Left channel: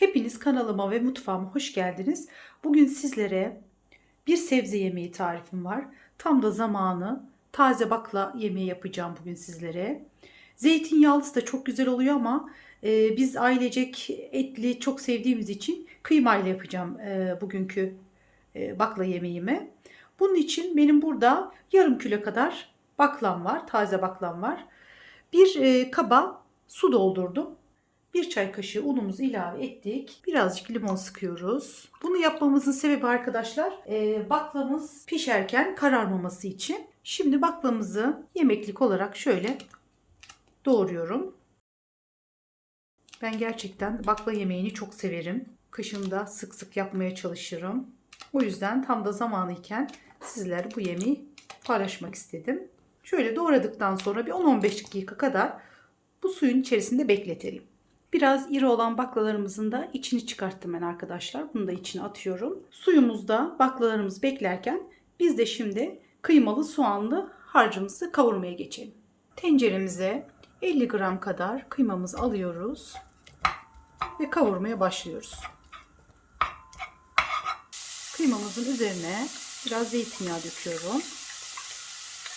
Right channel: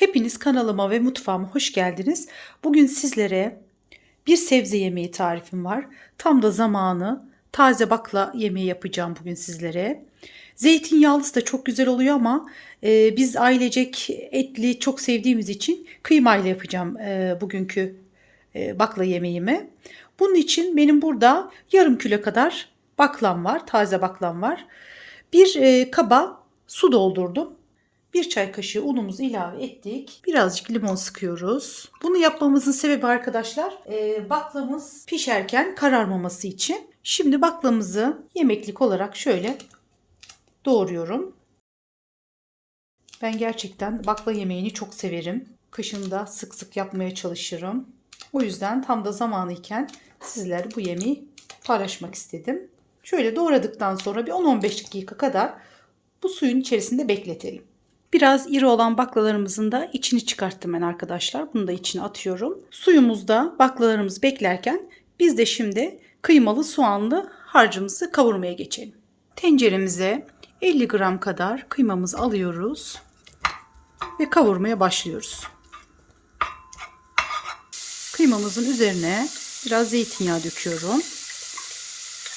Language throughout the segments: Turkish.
Hepiniz kanalıma ve mutfağıma hoş geldiniz. Bugün sizlere bir sebze yemeği tarifim var. Tam da zamanı taze bakla yemeği yapacağım bugün sizlere. Zeytinyağlısı da çok güzel oluyor ama e, biz ailecek etli çok sevdiğimiz için kıymayla yapacağım e, bugünkü e, bakla yemeğimi. Bunun için benim burada yarım kilo kadar baklam var, taze baklam var. Bir e, kaba su doldurdum. Bir çay kaşığı unumuzu ilave ettik. Birazcık limon sıkıyoruz. Bunu yapmamızın sebebi arkadaşlar e, baklamız pişerken kararmaması için. Şimdi baklamızı yemeklik olarak şöyle doğruyorum. Ben gerçekten bakla yemeğini çok severim. Kışında sık sık yapmaya çalışırım. O yüzden tam da zamanı iken sizler bu yemeği paylaşmak istedim. Şöyle doğradıktan sonra bir 10-15 dakika kadar bu suyun içerisinde bekletelim. Biraz iri olan baklalarımızın da içini çıkarttım ben arkadaşlar. Bunu da içine atıyorum. Suyumuzda baklalarımız beklerken biz de şimdi kıymalı soğanlı harcımızı kavurmaya geçelim. Tenceremize 50 gram kadar kıymamızı alıyoruz ve kavurmaya başlıyoruz. Kıymamızın üzerine biraz zeytinyağı döküyorum.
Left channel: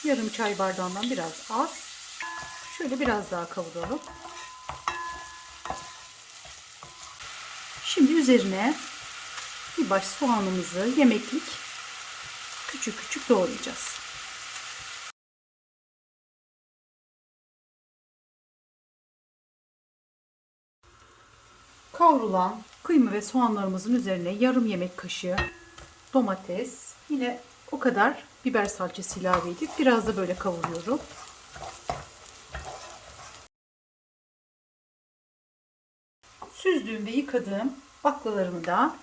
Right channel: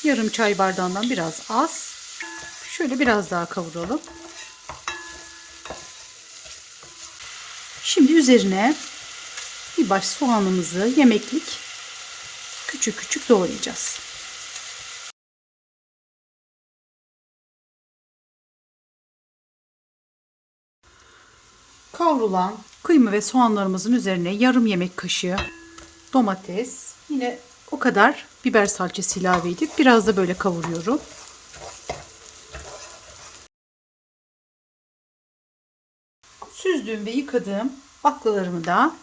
Yarım çay bardağından biraz az. Şöyle biraz daha kavuralım. Şimdi üzerine bir baş soğanımızı yemeklik küçük küçük doğrayacağız. Kavrulan kıyma ve soğanlarımızın üzerine yarım yemek kaşığı domates, yine o kadar biber salçası ilave edip biraz da böyle kavuruyorum. Süzdüğüm ve yıkadığım baklalarımı da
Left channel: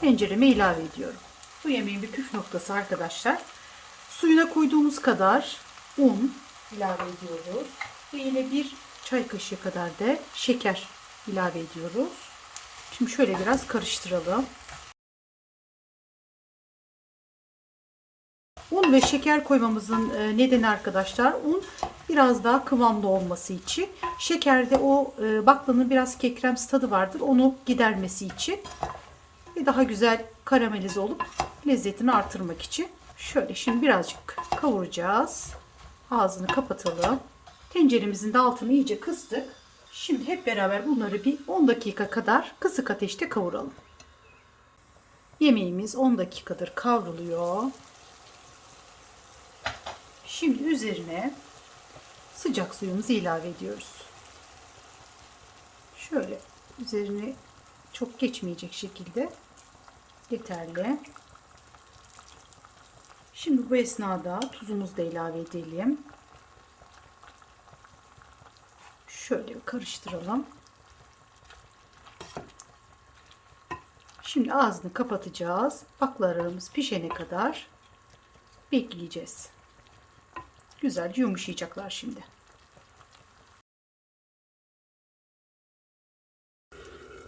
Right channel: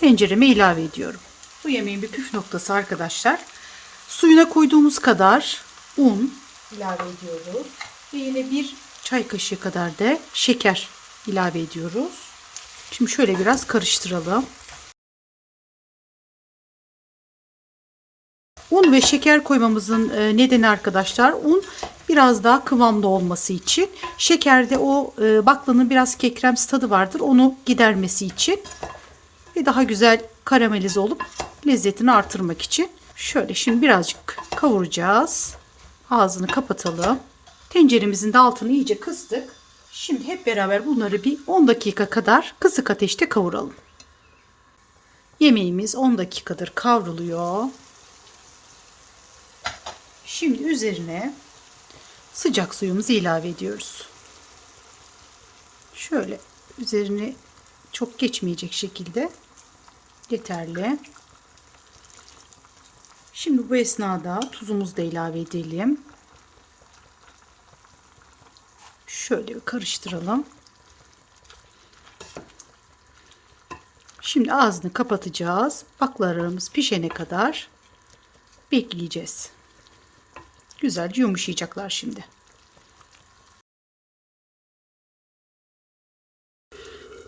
tencereme ilave ediyorum. Bu yemeğin bir püf noktası arkadaşlar. Suyuna koyduğumuz kadar un ilave ediyoruz. Ve yine bir çay kaşığı kadar da şeker ilave ediyoruz. Şimdi şöyle biraz karıştıralım. Un ve şeker koymamızın e, nedeni arkadaşlar un biraz daha kıvamlı olması için. Şekerde o e, baklanın biraz kekremsi tadı vardır. Onu gidermesi için ve daha güzel karamelize olup lezzetini artırmak için. Şöyle şimdi birazcık kavuracağız. Ağzını kapatalım. Tenceremizin de altını iyice kıstık. Şimdi hep beraber bunları bir 10 dakika kadar kısık ateşte kavuralım. Yemeğimiz 10 dakikadır kavruluyor. Şimdi üzerine sıcak suyumuzu ilave ediyoruz. Şöyle üzerine çok geçmeyecek şekilde yeterli. Şimdi bu esnada tuzumuzu da ilave edelim. Şöyle karıştıralım. Şimdi ağzını kapatacağız. Baklalarımız pişene kadar bekleyeceğiz. Güzelce yumuşayacaklar şimdi.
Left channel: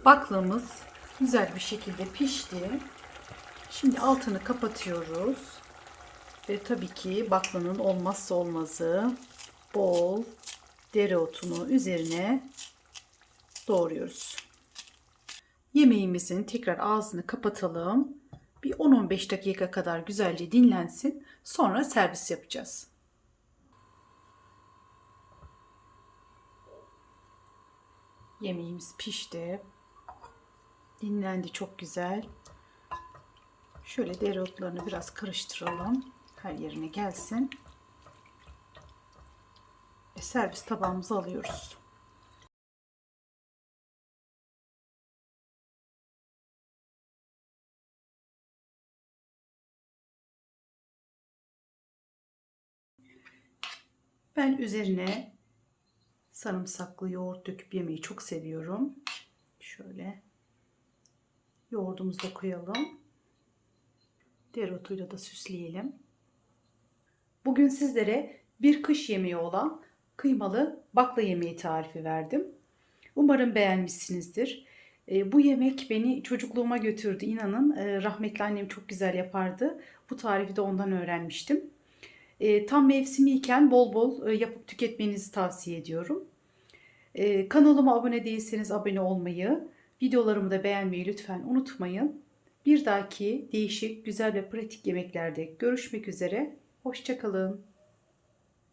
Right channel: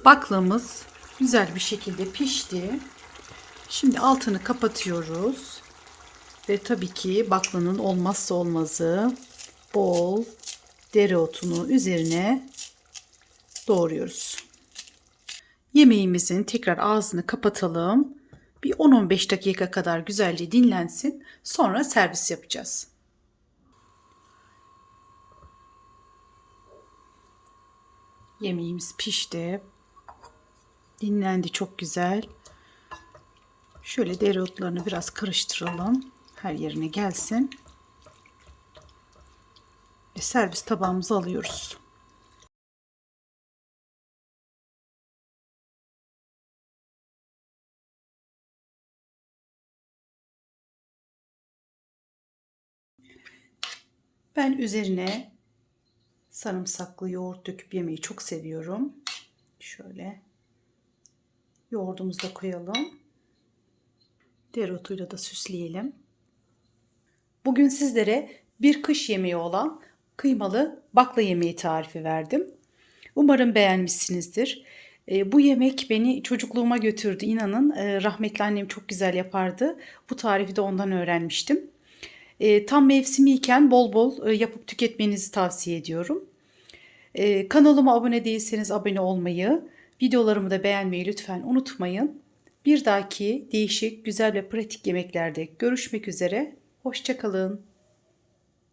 Baklamız güzel bir şekilde pişti. Şimdi altını kapatıyoruz. Ve tabii ki baklanın olmazsa olmazı bol dereotunu üzerine doğruyoruz. Yemeğimizin tekrar ağzını kapatalım. Bir 10-15 dakika kadar güzelce dinlensin. Sonra servis yapacağız. Yemeğimiz pişti. Dinlendi çok güzel. Şöyle dereotlarını biraz karıştıralım. Her yerine gelsin. Ve servis tabağımıza alıyoruz. Ben üzerine sarımsaklı yoğurt döküp yemeyi çok seviyorum. Şöyle yoğurdumuzu da koyalım. Dereotuyla da süsleyelim. Bugün sizlere bir kış yemeği olan kıymalı bakla yemeği tarifi verdim. Umarım beğenmişsinizdir. E, bu yemek beni çocukluğuma götürdü. İnanın e, rahmetli annem çok güzel yapardı. Bu tarifi de ondan öğrenmiştim. E, tam mevsimiyken bol bol e, yapıp tüketmenizi tavsiye ediyorum. E, kanalıma abone değilseniz abone olmayı, videolarımı da beğenmeyi lütfen unutmayın. Bir dahaki değişik, güzel ve pratik yemeklerde görüşmek üzere. Hoşçakalın.